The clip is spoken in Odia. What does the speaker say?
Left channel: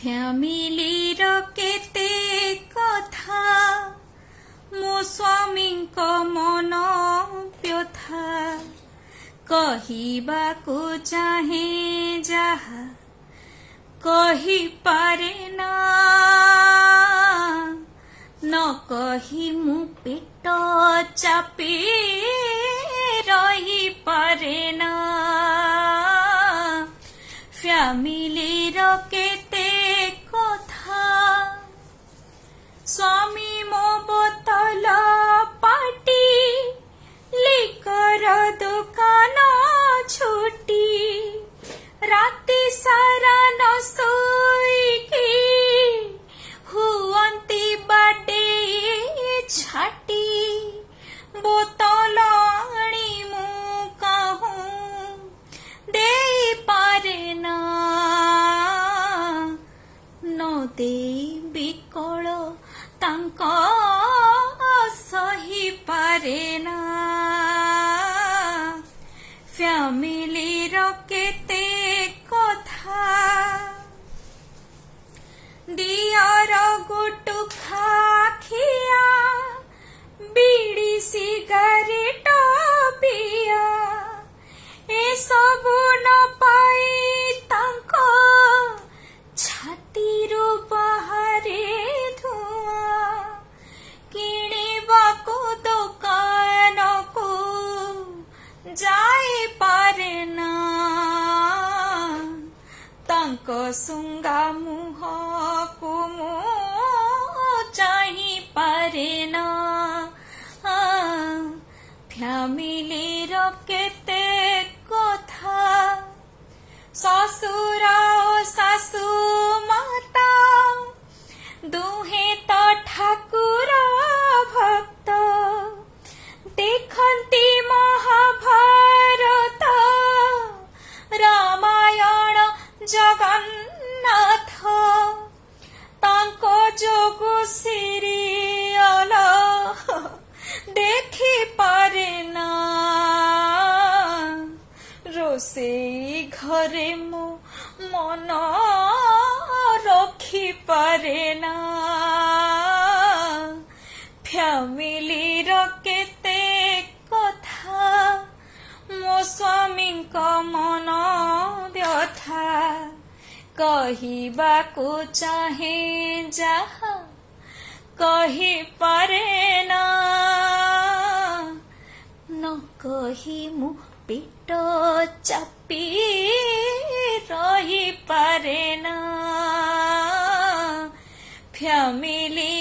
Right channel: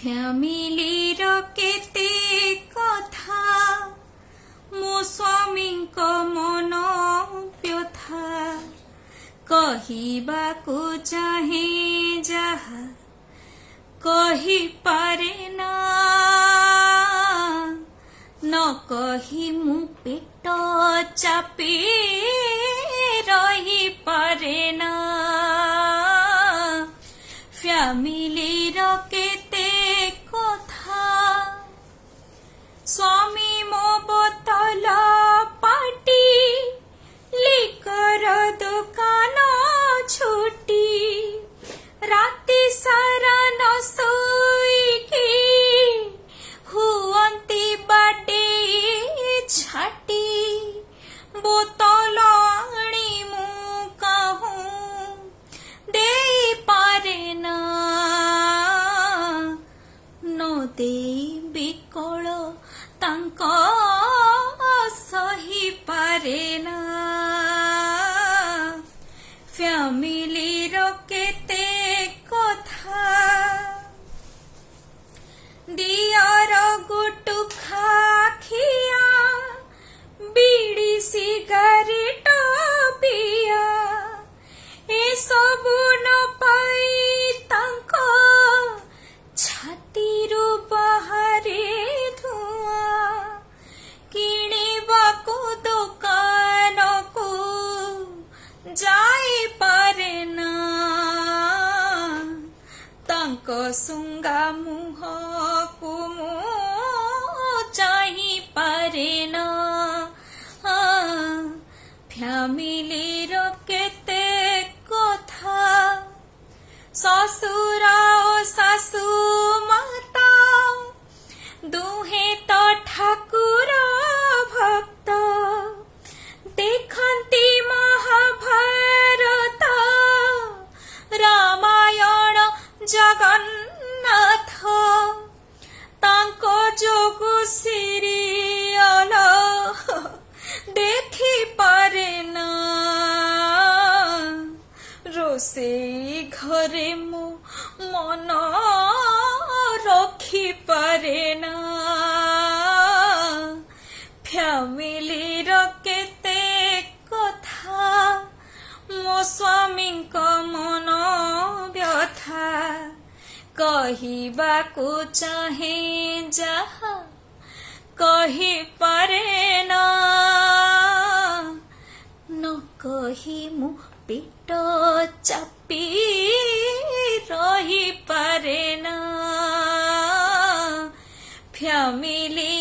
ଫ୍ୟାମିଲିର କେତେ କଥା ମୋ ସ୍ୱାମୀଙ୍କ ମନ ବ୍ୟଥା କହିବାକୁ ଚାହେଁ ଯାହା କହିପାରେ ନା ନ କହି ମୁଁ ପେଟ ଚାପି ରହିପାରେ ନା ଫ୍ୟାମିଲିର କେତେ କଥା ସ୍ୱାମୀ ମୋ ବୋତଲ ପାଟି ଲିକର ଦୋକାନ ଛୁଟି ରାତି ସାରା ନ ଶୋଇକି ହୁଅନ୍ତି ବାଡେଇ ଛାଟି ବୋତଲ ଆଣି ମୁଁ କାହୁଁ ଦେଇପାରେ ନା ନ ଦେଇ ବିକଳ ତାଙ୍କ ସହିପାରେ ନା ଫ୍ୟାମିଲିର କେତେ କଥା ଦିଅର ଗୁଟୁଖା ଖିଆ ବିଡ଼ି ସିଗାରେଟ ପିଆ ଏସବୁ ନ ପାଇ ତାଙ୍କ ଛାତିରୁ ବାହାରେ ଧୂଆଁ କିଣିବାକୁ ଦୋକାନକୁ ଯାଇପାରେ ନା ତାଙ୍କ ଶୁଙ୍ଗା ମୁହଁକୁ ମୁଁ ଚାହିଁପାରେ ନା ଫ୍ୟାମିଲିର କେତେ କଥା ଶ୍ୱଶୁର ଓ ଶାଶୁ ମାତା ଦୁହେଁ ତ ଠାକୁର ଭକ୍ତ ଦେଖନ୍ତି ମହାଭାରତ ରାମାୟଣ ଜଗନ୍ନାଥ ତାଙ୍କ ଯୋଗୁ ସିରିୟଲ ଦେଖିପାରେ ନା ରୋଷେଇ ଘରେ ମୁଁ ମନ ରଖିପାରେ ନା ଫ୍ୟାମିଲିର କେତେ କଥା ମୋ ସ୍ୱାମୀଙ୍କ ମନ ବ୍ୟଥା କହିବାକୁ ଚାହେଁ ଯାହା କହିପାରେ ନା ନ କହି ମୁଁ ପେଟ ଚାପି ରହିପାରେ ନା ଫ୍ୟାମିଲି